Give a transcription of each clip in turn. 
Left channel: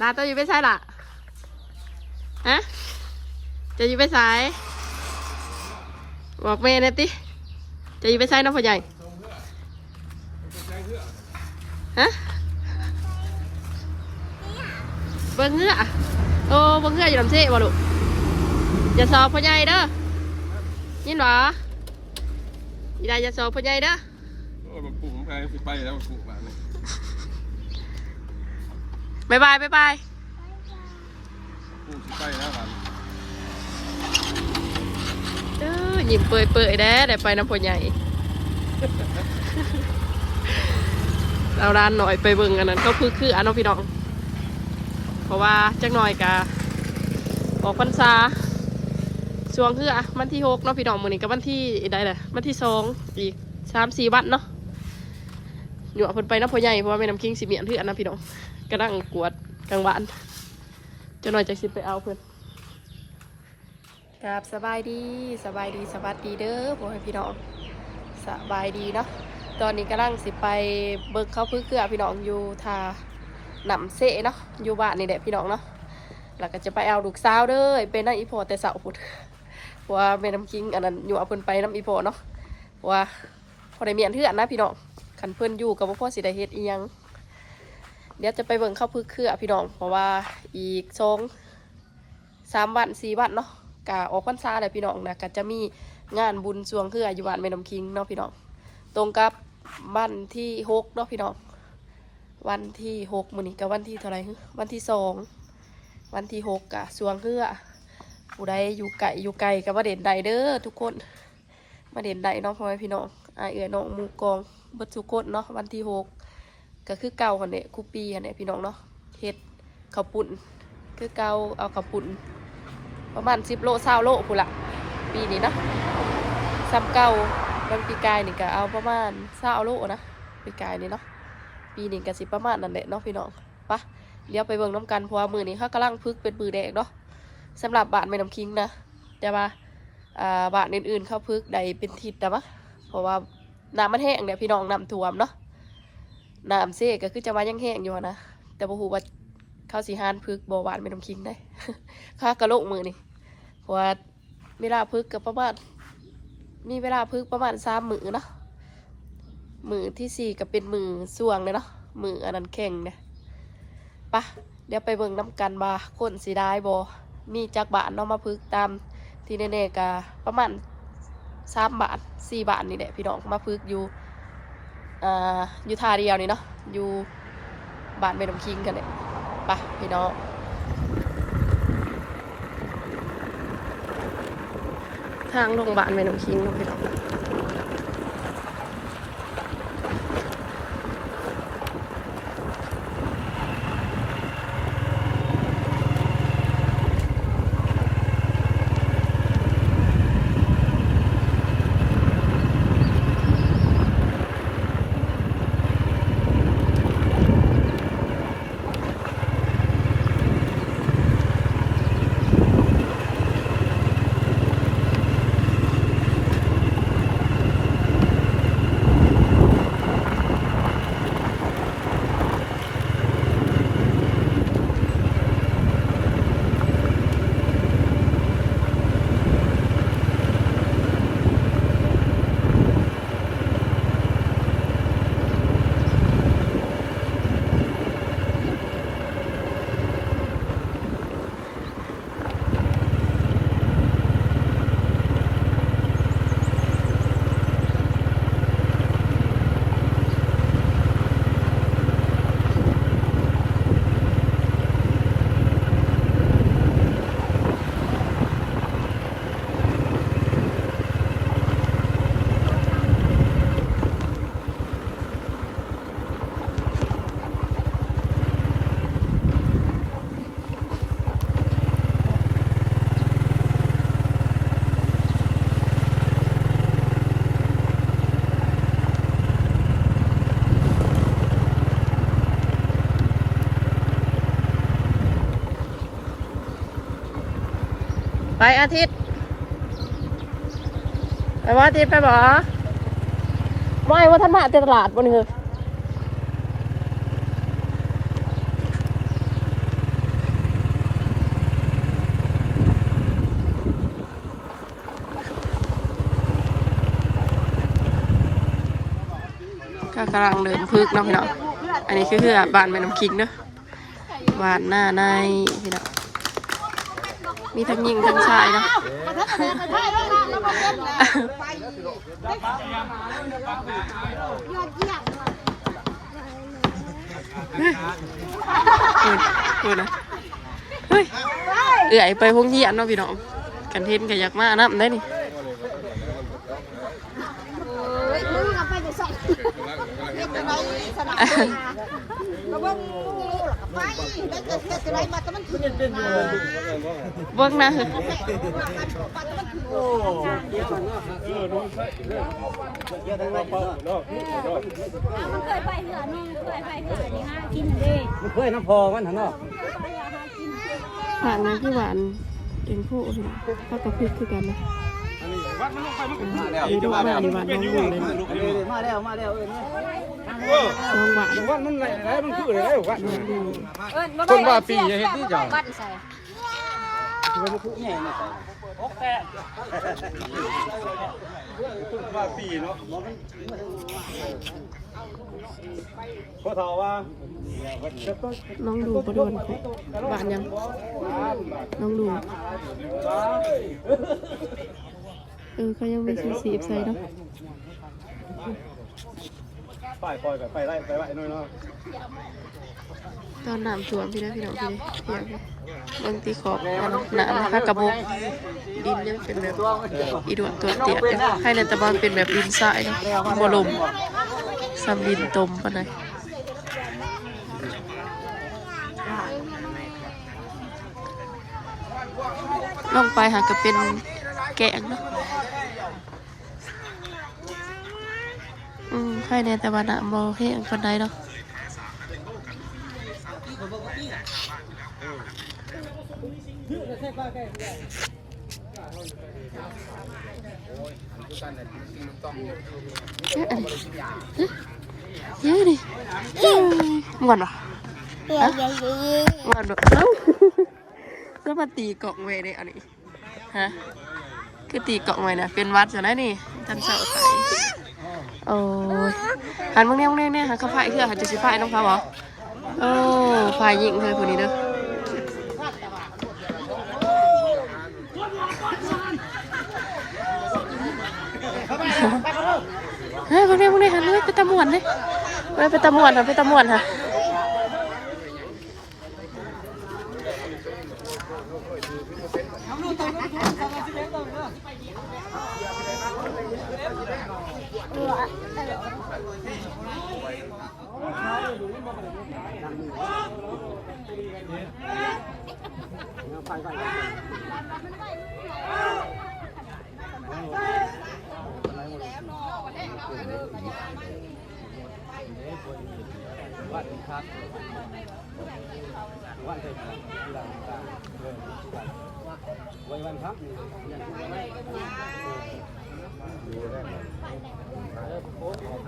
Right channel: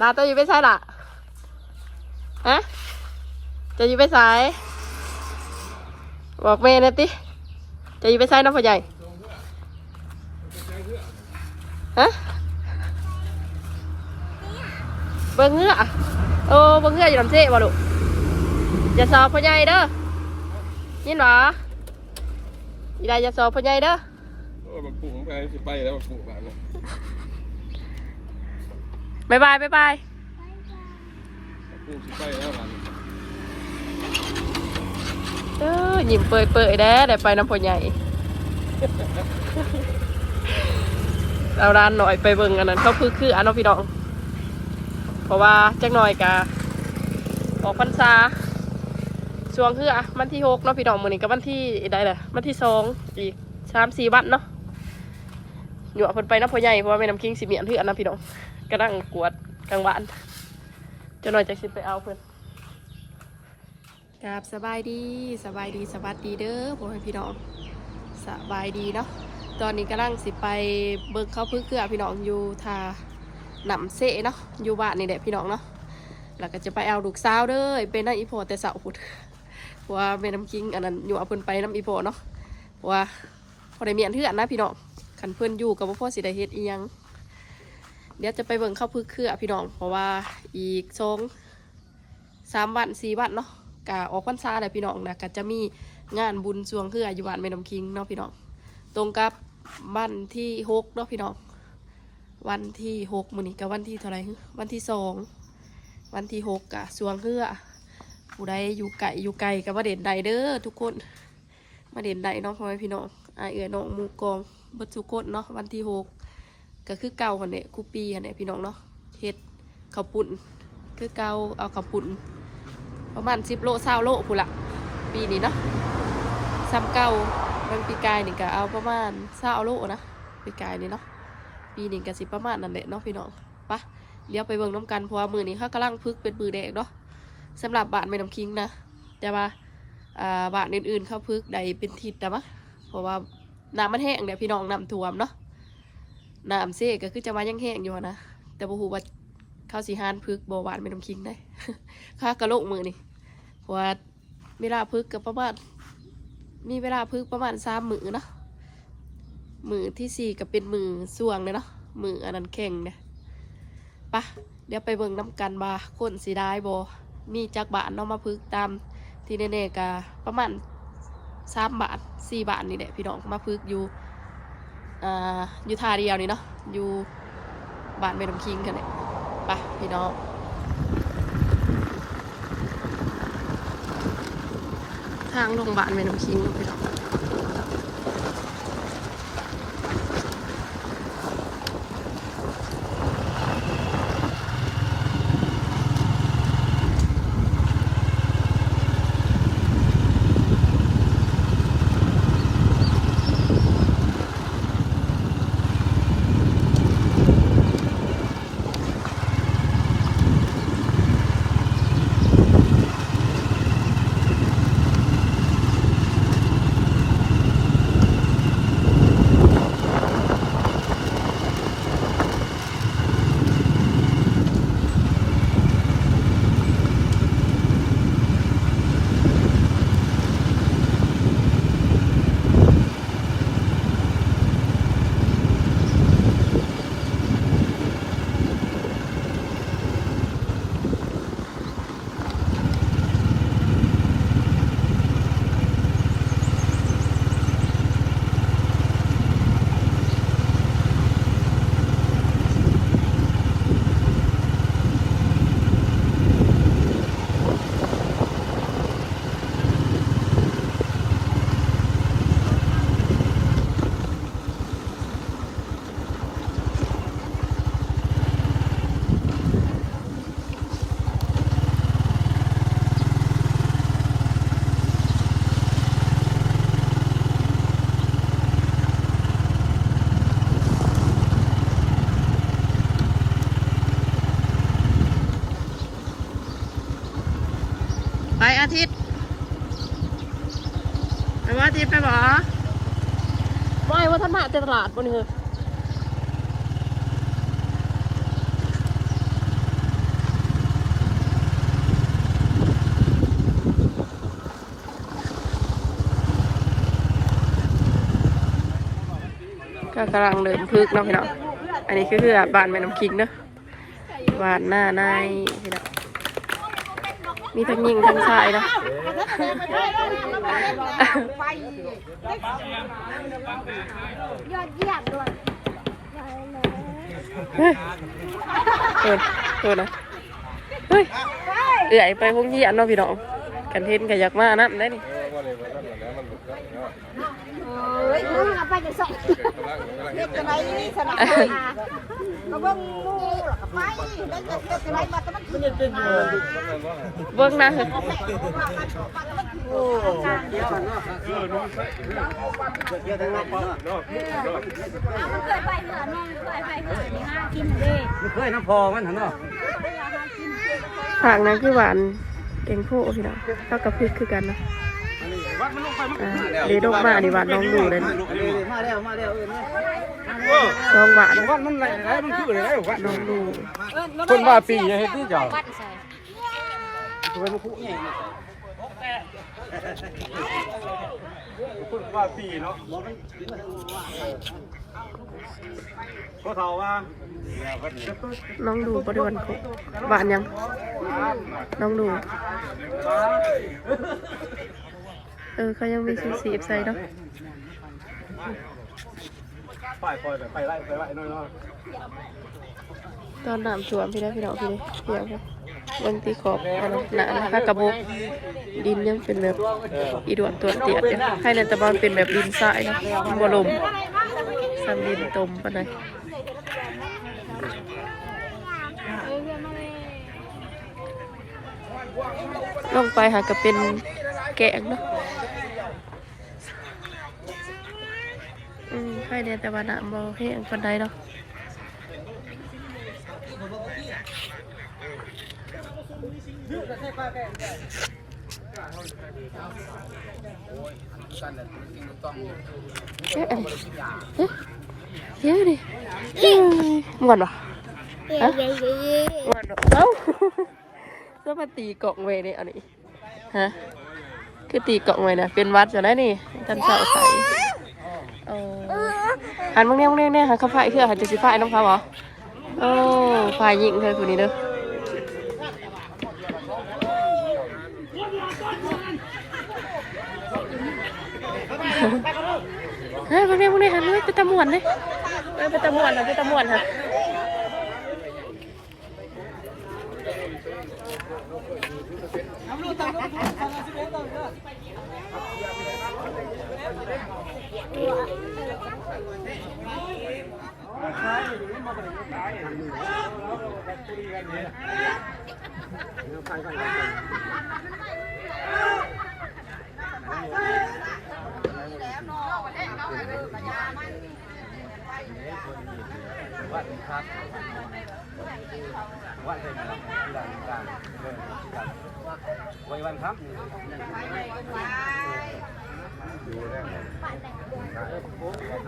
ลาตัวอยู่ไปใส่ล่ะฮะจะอยู่ไปใส่บอกแม่เนี่ยติจะอยู่ไปใส่น้องพ่อใหญ่ฮะเบิ่งเงือโอ้เบิ่งเงืออยู่ลำเซ่บ่ลูกอย่าสอบพ่อใหญ่เด้อนี่หรออีได้อย่าสอบพ่อใหญ่เด้อโอ้บักปู่ของไปสิไปแล้วบักปู่บ้านเนี่ยบายบายบายบายบักปู่สิไปแล้วบ้านนี้ยิ้มเปื่อยๆได้ไปน้ำพ่อใหญ่เราด้านหน่อยไปเบิ่งอันนั้นเขาคืออันน้องพี่น้องเพราะว่าจักหน่อยกะออกพรรษาช่วงคือวันที่6เนาะพี่น้องมื้อนี้ก็วันที่ใดแหละวันที่2อีก3-4 วันเนาะอยู่เพิ่นไปน้ำพ่อใหญ่เพราะว่าแม่น้ำคิงสิเมียนคืออันนั้นพี่น้องกำลังกวดกลางวันจักหน่อยจะสิไปเอาเพิ่นครับสบายดีสวัสดีเด้อพ่อให้พี่น้องสบายดีเนาะตอนนี้กำลังสิไปเบิกเขาคือพี่น้องอยู่ทาหนำเสเนาะอยู่บ้านนี่แหละพี่น้องเนาะแล้วก็จะไปเอาลูกสาวเด้อเป็นน้ำอีโพแต่เสาพุดเพราะว่าแม่น้ำกิ้งอันนั้นอยู่เอาเพิ่นไปน้ำอีโพเนาะเพราะว่าพอได้เมียนเถื่อนนะพี่น้องขันเพิ่นอยู่กับพ่อสิได้เฮ็ดอีหยังเดี๋ยวจะไปเบิ่งเข้าคือพี่น้องเพราะว่าอีก2-3 วัน4 วันเนาะกะออกพรรษาแหละพี่น้องนะก็จะมีงานบุญสรวงคืออยู่บ้านแม่น้ำคิงเนาะพี่น้องตรงกับวันที่6เนาะพี่น้องวันที่6มื้อนี้กับวันที่เท่าไหร่วันที่2วันที่6กะสรวงคือผู้ใดอยู่ไกลก็มาเด่นใดเด้อทุกคนมาเด่นใดเนาะพ่อแม่พี่น้องเอื้อน้องหมู่กองเบิดทุกคนเนาะวันที่6ก็คือเก่าหั่นแหละคุปีหั่นแหละพี่น้องเนาะเฮ็ดข้าวปุ้นคือเก่าเอาข้าวปุ้นประมาณ10 โล20 โลพุ่นละปีนี้เนาะซ้ำเก่าบางปีกายนี่ก็เอาประมาณ20 โลนะปีกายนี่เนาะปีนี้ก็สิประมาณนั่นแหละเนาะพี่น้องปะเดี๋ยวไปเบิ่งน้ำกันเพราะว่ามือนี้เขากำลังพึกเป็นมือแดงเนาะสำหรับบ้านแม่น้ำคิงนะแต่ว่าบ้านอื่นๆเขาพึกใดเป็นทิศแต่ว่าเพราะว่าน้ำมันแห้งเนี่ยพี่น้องน้ำท่วมเนาะน้ำเซ่ก็คือจะมายังแห้งอยู่นะแต่บ่ฮู้ว่าเขาสิหานพึกบ่บ้านแม่น้ำคิงได้ข้ากระโลกมือนี่เพราะว่าเวลาพึกกับประมาณมีเวลาพึกประมาณ3 มื้อเนาะมือที่4ก็เป็นมือส่วงเลยเนาะมืออันนั้นแข็งเนี่ยปะเดี๋ยวไปเบิ่งน้ำกันบ่าคนสีได้บ่มีจักบาทเนาะมาพึกตามที่แน่ๆก็ประมาณ3 บาท 4 บาทนี่แหละพี่น้องมาพึกอยู่อยู่ท่าเดียวนี่เนาะอยู่บ้านแม่น้ำคิงกันเนี่ยปะพี่น้องทางโรงพยาบาลแม่น้ำคิงพี่น้องไปอาทิตย์ไปว่าอาทิตย์ไปบ่ไม่ว่าท่านมาตลาดวันนี้เหรอ ก็กำลังเริ่มพึกเนาะพี่น้องอันนี้คือบ้านแม่น้ำคิงเนาะบ้านหน้าในพี่น้องมีทั้งหญิงทั้งชายเนาะเฮ้ยโดนนะเฮ้ยไปพวกเหี้ยนเนาะพี่น้องกันเทนกันอยากมาน้ำได้นี่เบิ้งนะผักนั้นคือหวานเก่งโพพี่น้องเท่ากับพริกคือกันนะเดี๋ยวดอกมาดิหวานน้องดูเลยมาแล้วน้องหวานมันอะไรมันคืออะไรน้องดูคนว่าปีไงที่จ่อน้องดูบริวารคุหวานยังน้องดูเขายังมีสีใส่เนาะตอนน้ำท่วมพี่น้องพี่เพียงเบื้องที่ขอบน้ำนะคะกระบอกดินยังเป็นแบบอีดวนตัวเตียดยังให้ในตะบอนเป็นแบบดินทรายเนาะบ่ลมซ้ำดินตมปะไหนลงไปหาก็เป็นแกงเนาะให้ในตะวันบ่แห้งคนใดเนาะเยอะดิงอนปะงอนปะเอ้าก็มาตีกล่องไว้เนี่ยอันนี้ฮะคือตีกล่องไว้นะเป็นวัดจะได้นี่จันเสาไข่โอ้หันมึงเนี่ยหันเขาพายคือหันจะสิพายน้องเขาเหรอโอ้พายยิงเลยคนนี้เด้อเฮ้ยมึงเนี่ยหันเลยไปตะมวนเลยไปตะมวนค่ะ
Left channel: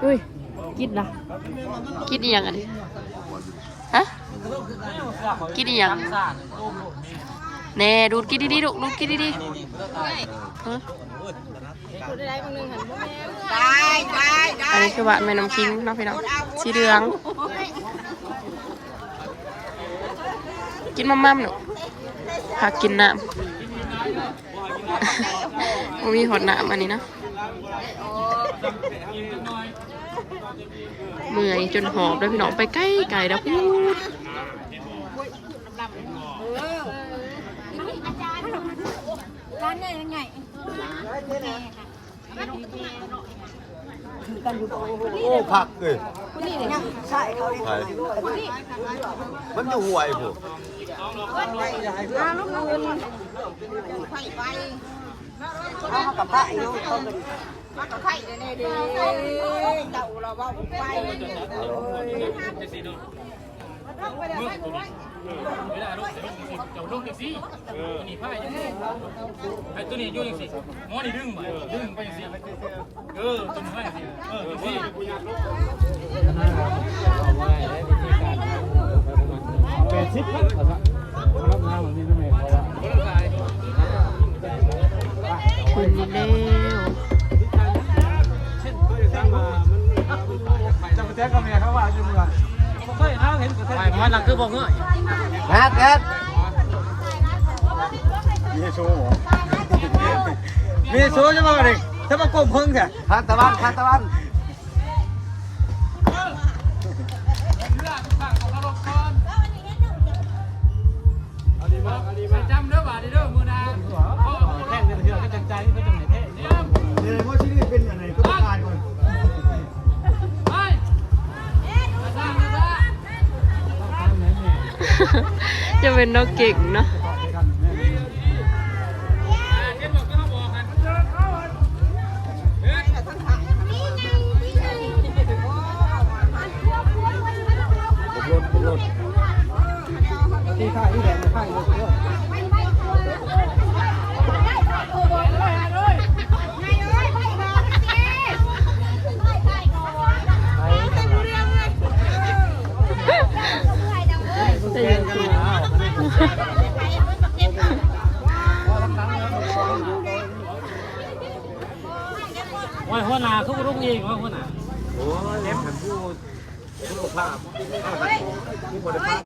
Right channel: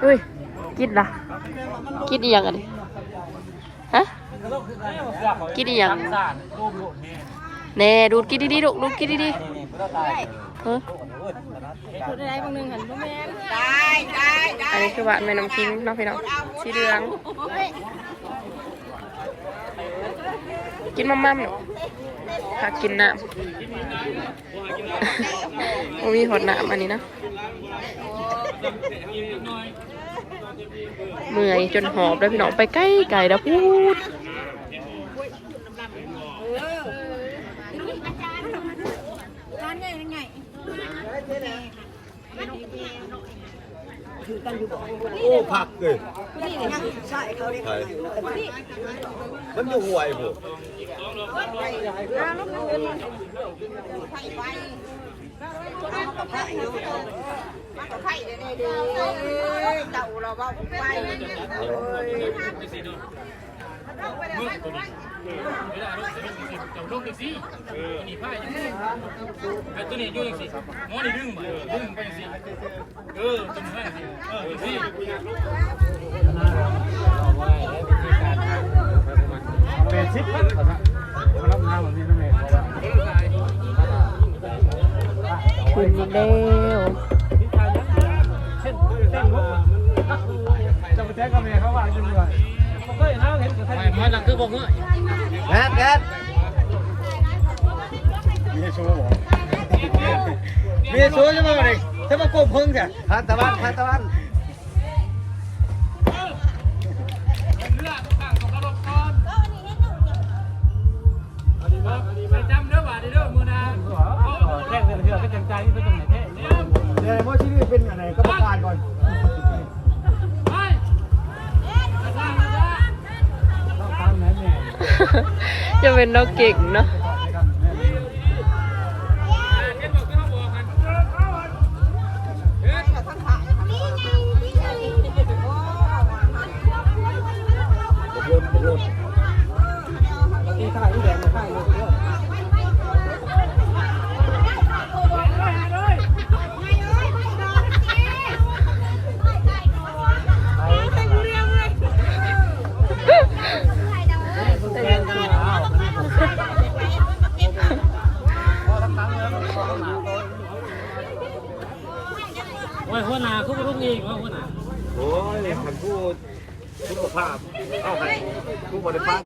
เฮ้ยกินละกินอีหยังอันนี้ฮะกินอีหยังแน่ดูดกินดีๆดูดกินดีๆฮะอันนี้คือหวานแม่น้ำคิงเนาะพี่น้องสีเหลืองกินมั่มๆหนูหากินน้ำมีหดน้ำอันนี้นะเมื่อยจนหอบแล้วพี่น้องไปใกล้ไก่แล้วพูดโอ้ผักเลยมันจะห่วยผมกับพระอยู่กับไผ่เนี่ยเด้เต่าเราว่าไปลูกจังสินี่ผ้าอย่างนี้ไอ้ตัวนี้ยุ่งจังสิหมอนี่ดึงไปจังสิตัวนี้ให้สิสิเป็นชิปรับน้ำเหมือนนี่ตัวนี้คุณนี่เร็ว เจ้ ไปหมอหลังคือบ่เงย งัดมีโซ่บ่มีโซ่จะมาเลยถ้ามากบเพิ่งค่ะทานตะวันไปจำเด้อว่าเด้อมื้อนาแข่งกันเด้อก็จังใจนี่เป็นจังได๋แท้ เดี๋ยวว่าชีวิตเป็นยังไงก็ประการก่อน ไปมาซ่า จะเป็นนกเก่งเนาะ บกรถที่ข้าอีแดงข้าอีเยอะโอ้ยหัวหน้าทุกรุ่งเองว่าหัวหน้า โอ้ยท่านผู้ภาพเข้ากันผู้บริภาค